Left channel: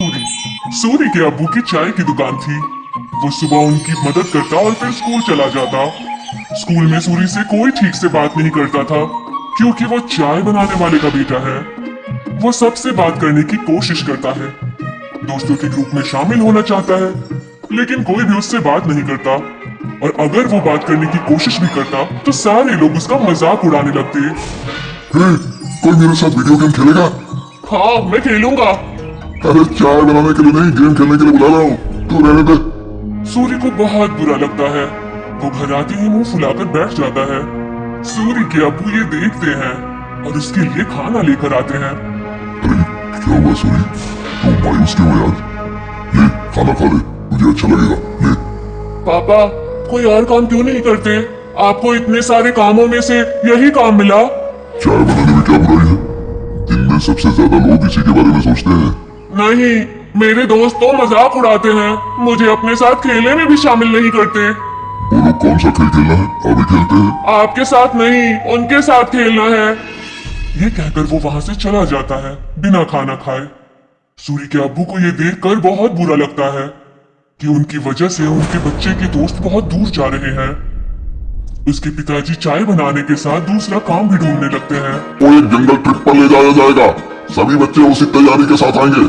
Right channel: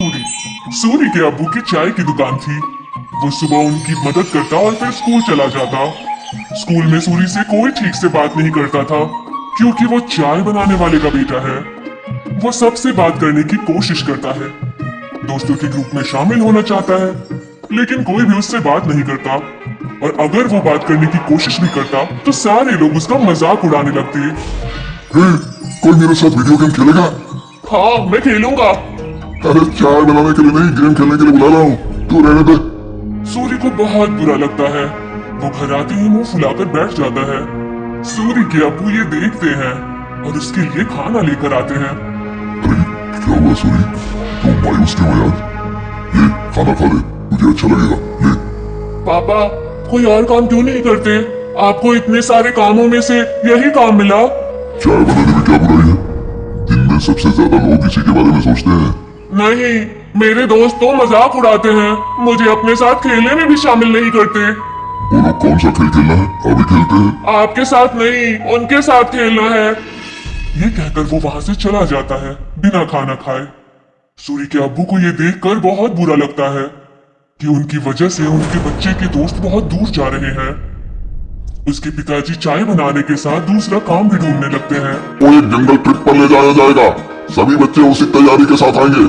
सूर्य के अब्बू की चाय की दुकान थी। वो सुबह उनकी मदद करता और फिर स्कूल चला जाता। स्कूल में सूर्य से कोई ठीक से बात नहीं करता था क्योंकि वो चाय बनाने वाले का बेटा है। वो सबसे बात करने की कोशिश करता है, दोस्तों के ग्रुप में शामिल होना चाहता है, लेकिन कोई भी उससे बात नहीं करता। और अगर वो बात करने की कोशिश भी करता तो सारे लोग उसका मजाक उड़ाने लगते। कोई मेरे साथ वीडियो गेम खेलेगा? हाँ, मैं खेलूंगा। अरे चाय बनाने के लिए नहीं, गेम खेलने के लिए बुला रहा हूँ, तू रहने दे। सूर्य को बहुत बुरा लगता है। वो घर आते ही मुंह फुलाकर बैठ जाता है। सूर्य के अब्बू ये देखते हैं और उसके लिए खाना लेकर आते हैं। अरे क्या हुआ सूरी, तू मायूस क्यों है आज? ले खाना खा ले, मुझे अच्छा लगेगा। ले। पापा, कोई और काम क्यों नहीं करते? आपको इतने सारे कामों में से यही काम मिला। चाय बनाने में क्या बुराई है? दिन में सबसे ज्यादा लोग इसी के बारे में सोचते हैं। नहीं, मेरे दोस्त तो मजाक उड़ाते हैं, मुझे अपने साथ खेलने में भी शामिल नहीं करते। वो लोग कौन सा खेल खेलना है? अभी खेलते हैं। आपके साथ नहीं, उनके साथ खेलना है। ये कहकर वो वहां से चला जाता है बिना खाना खाए। सूर्य के अब्बू को ये देखकर बहुत बुरा लगता है कि उनकी वजह से उनके बच्चे के दोस्त बहुत दूर जा रहे हैं। उसके पिताजी चाय बनाने के साथ दूसरा काम भी ढूंढने लगते हैं। वो एक जंगल ट्रिप पर ले जाया जाएगा, सभी बच्चे उसी तैयारी के साथ आएंगे।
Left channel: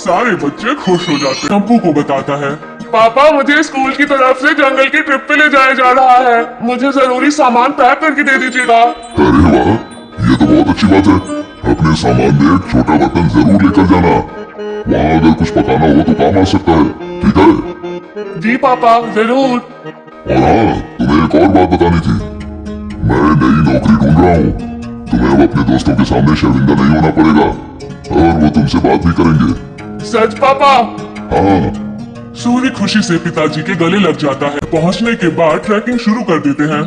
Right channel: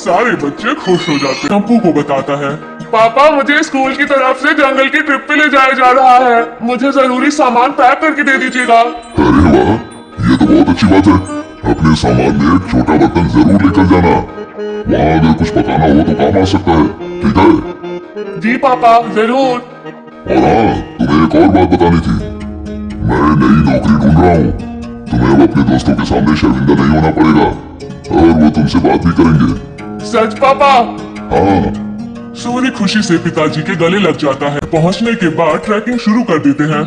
सारे बच्चे खुश हो जाते हैं। टम्पू को बताता है, पापा मुझे स्कूल की तरफ से जंगल के ट्रिप पे ले जाया जा रहा है, मुझे जरूरी सामान पैक करके दे दीजिएगा। अरे वाह, ये तो बहुत अच्छी बात है। अपने सामान में एक छोटा बर्तन जरूर लेकर जाना, वहाँ अगर कुछ पकाना हो तो काम आ सकता है, ठीक है? जी पापा, जरूर। और हाँ, तुम्हें एक और बात बतानी थी। मैं नई नौकरी ढूंढ रहा हूँ, तुम्हें अब अपने दोस्तों के सामने शर्मिंदा नहीं होना पड़ेगा और वो तुमसे बात भी करेंगे। सच पापा? हाँ। सूर्य खुशी से पिताजी के गले लग जाता है। पहुंचने के बाद ट्रैकिंग शुरू कर देते हैं।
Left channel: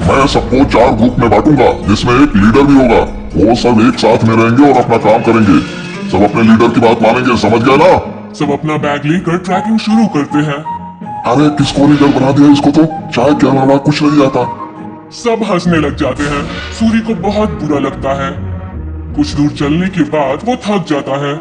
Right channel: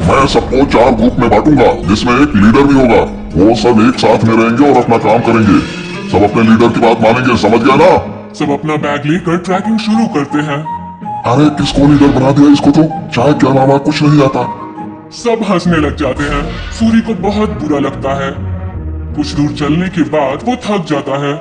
मैं सबको 4 ग्रुप में बांटूंगा जिसमें एक लीडर भी होगा। वो सब एक साथ में रहेंगे और अपना काम करेंगे। सब अपने लीडर की बात मानेंगे, समझ गया ना? सब अपना बैग लेकर ट्रैकिंग शुरू करते हैं। अरे किसको लीडर बना दिया? इसको तो चाय के अलावा कुछ नहीं आता। सब हंसने लग जाते हैं। सूर्य को बहुत बुरा लगता है। कुछ दूर चलने के बाद वो थक जाता है।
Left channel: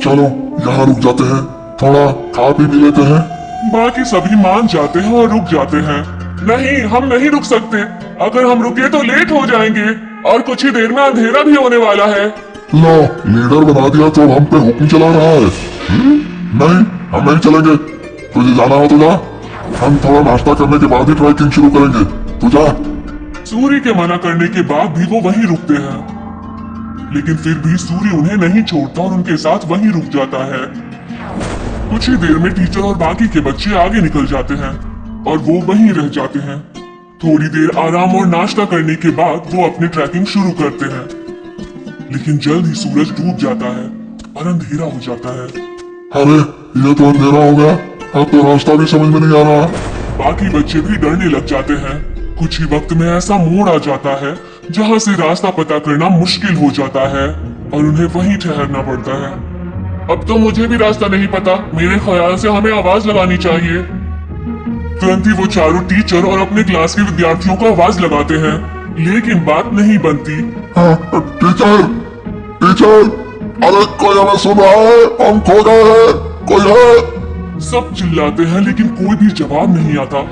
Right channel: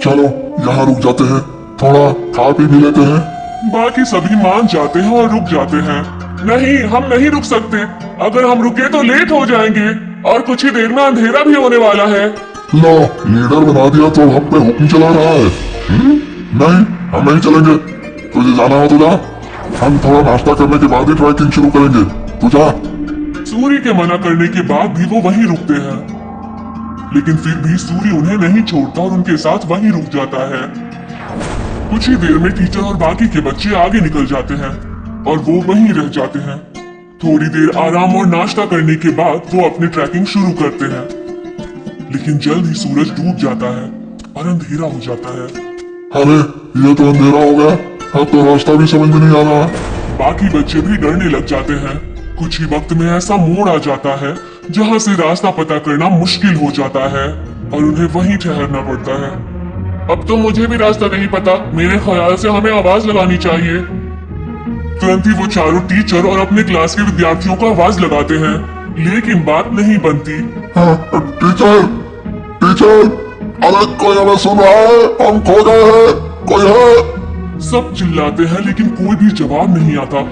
चलो यहाँ रुक जाते हैं, थोड़ा खा पी भी लेते हैं। बाकी सभी मान जाते हैं और रुक जाते हैं। नहीं, हम नहीं रुक सकते। अगर हम रुके तो लेट हो जाएंगे और कुछ ही देर में अंधेरा भी होने वाला है। लो, लीडर बना दिया तो हम पे हुक्म चला रहा है। नहीं, हम नहीं चलेंगे। तुझे जाना हो तो जा, हम थोड़ा नाश्ता करने के बाद ही ट्रैकिंग शुरू करेंगे, तो जा। सूर्य के मना करने के बाद भी वो वहीं रुकते हैं, लेकिन फिर भी सूर्य उन्हें नहीं छोड़ता और उनके साथ वहीं रुक जाता है। कुछ ही देर में टीचर और बाकी के बच्चे आगे निकल जाते हैं और वो वहीं रह जाते हैं। थोड़ी देर आराम और नाश्ता करने के बाद वो अपनी ट्रैकिंग शुरू करते हैं, लेकिन जल्द ही सूरज डूब जाता है और अंधेरा हो जाता है। अरे ये तो अंधेरा हो गया, अब तो रास्ता भी समझ में नहीं आ रहा। बाकी बच्चे भी डरने लग जाते हैं। कुछ ही वक्त में ऐसा मोड़ आ जाता है जहाँ से रास्ता पता करना मुश्किल हो जाता है और उन्हें वहीं ठहरना पड़ता है। अब तो मुझे भी रास्ता नहीं पता, मेरे ख्याल से हमें आवाज लगानी चाहिए। तुरंत ही वो चारों टीचर और अपने क्लास के विद्यार्थियों को आवाज लगाते हैं, लेकिन बात नहीं बनती। हाँ, टीचर, टीचर, अरे कोई हमें सुन रहा है? हम खो गए हैं, कोई है? सब चिल्लाते हैं लेकिन कोई भी जवाब नहीं आता।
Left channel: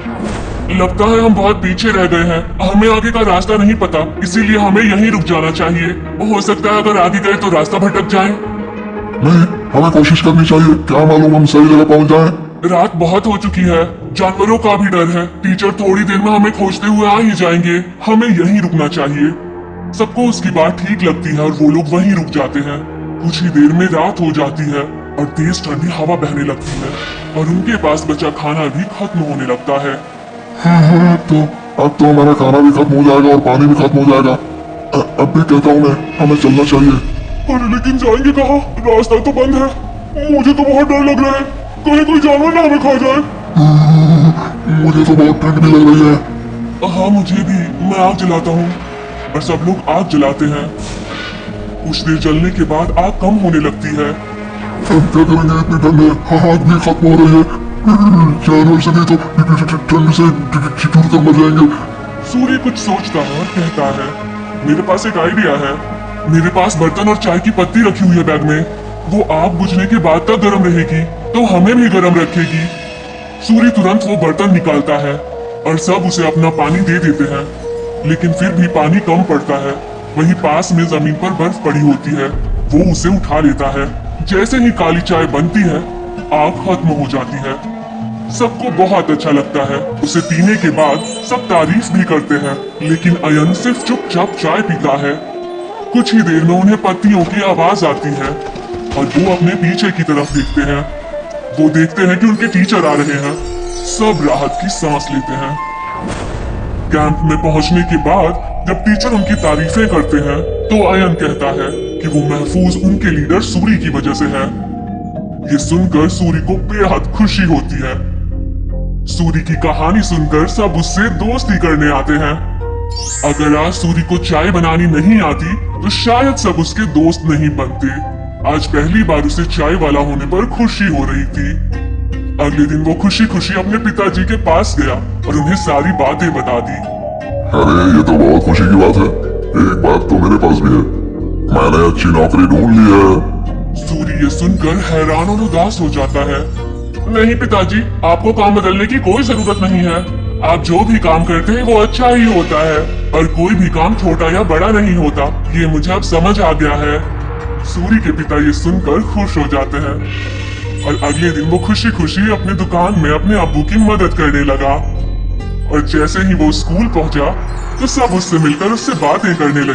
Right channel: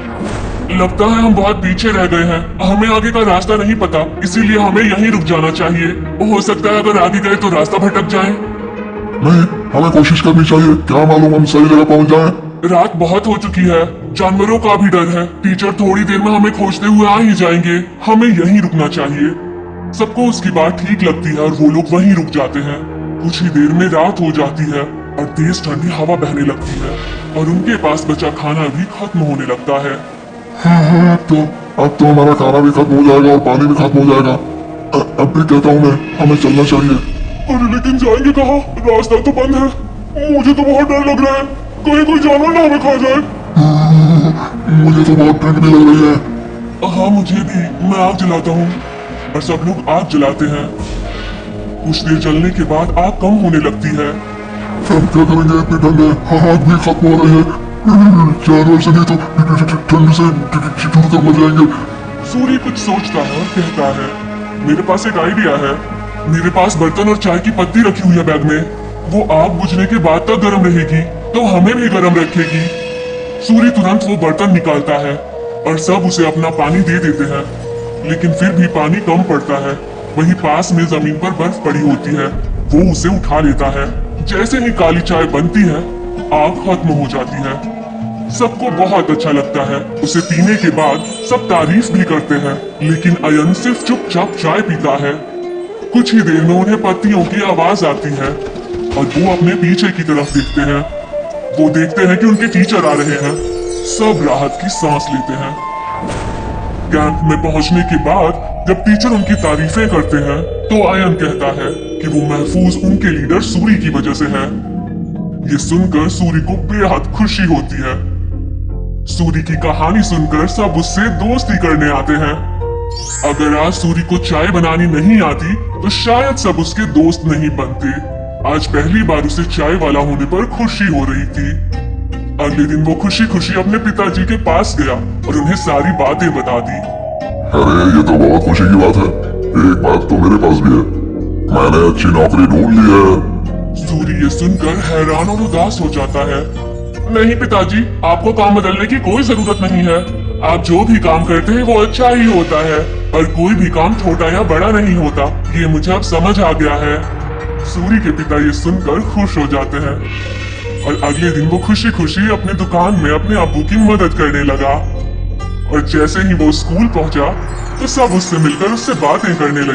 लगता है हम बहुत पीछे रह गए हैं, हमें आगे का रास्ता नहीं पता, इसीलिए हमें यहीं रुक जाना चाहिए। हो सकता है अगर आगे गए तो रास्ता भटक जाए। नहीं, हमें कोशिश करनी चाहिए, क्या मालूम हम सही जगह पहुंच जाएं। रात बहुत हो चुकी है, जानवरों का भी डर है। टीचर थोड़ी देर में हमें खोजते हुए आ ही जाएंगे, हमें यहीं रुकना चाहिए। सबको उसकी बात ठीक लगती है और वो लोग वहीं रुक जाते हैं। कुछ ही देर में रात हो जाती है और तेज ठंडी हवा बहने लगती है और उनके पास बचा खाना भी खत्म होने लगता है। अब तो हमारा खाना भी खत्म हो जाएगा और पानी भी खत्म हो जाएगा। अब भी कहता हूँ मैं, हमें चलना चाहिए। अरे लेकिन जाएंगे कहाँ? रास्ता तो बंद है। मुझे तो बहुत डर लग रहा है, कहीं कोई जानवर ना हमें खा जाए। मुझे तो बहुत ठंड भी लग रही है। हाँ मुझे भी। मैं आग जलाता हूँ और सब लोग आग जलाते हैं। कुछ देर जलने के बाद आग कम होने लगती है। हम क्या करेंगे, इतनी ठंड है, हाथ भी खत्म हो रहे हैं। जानवर सभी तो ठंड से ठिठुर कर मर जाएंगे। सूर्य कुछ सोचता है और कहता है, मेरे पास एक आइडिया है। मेरे पास बर्तन और चाय की पत्ती रखी हुई है बैग में। वो आग बुझने के बाद तक गर्म रहेगी तो हमें भी गर्म रखेगी। सूरी तुरंत वो बर्तन निकालता है और सब उसे अपना पानी दे देते हैं, लेकिन फिर भी पानी कम पड़ता है। वहीं पास में जमीन पर बर्फ पड़ी होती है, वो उसे उठा लेता है। जैसे ही काली चाय बनती है, आग खत्म हो जाती है। सबको बहुत अच्छा लगता है। उसे पीने के बाद सब तारीफ भी करते हैं, लेकिन अयन सिर्फ चुपचाप चाय पीता है। कुछ ही देर में उन्हें पत्तियों की आवाज आती है और वो अपने पीछे की तरफ देखते हैं। वो देखते हैं कि उनके टीचर आ रहे हैं। सब राहत की सांस लेते हैं। कैंप में पहुंचने के बाद जब टीचर उनकी तारीफें करते हैं तो अयन कहता है कि वो महफूज उनके लीडर सूरी की वजह से है। ये सुनकर सूरी को बेहद खुशी होती है। सूरी की कहानी सुनकर सब उससे दोस्ती करने आते हैं। अगर आज सूरी को चाय बनानी नहीं आती तो शायद सब उसके दोस्त नहीं बनते। आज पहली बार उसे चाय वाला होने पर खुशी हो रही थी। अगले दिन वो खुशी खुशी अपने पिताजी के पास गया और उन्हें सारी बातें बता दी। अरे ये तो बहुत खुशी की बात है। एक बात तो मेरे पास भी है, मैंने अच्छी नौकरी ढूंढ ली है। सूरी ये सुनकर हैरान और उदास हो जाता है। नहीं पिताजी, आपको काम बदलने की कोई जरूरत नहीं है। आप जो भी काम करते हैं वो अच्छा ही होता है और कोई भी काम छोटा या बड़ा नहीं होता। ये मुझे अब समझ आ गया है। सूरी के पिता ये सुनकर खुश हो जाते हैं और अगले दिन वो खुशी खुशी अपने दुकान में अपने अब्बू की मदद करने लगा। और जैसे ही वो स्कूल पहुंचा तो सब उससे मिलकर उससे बातें करने लगे।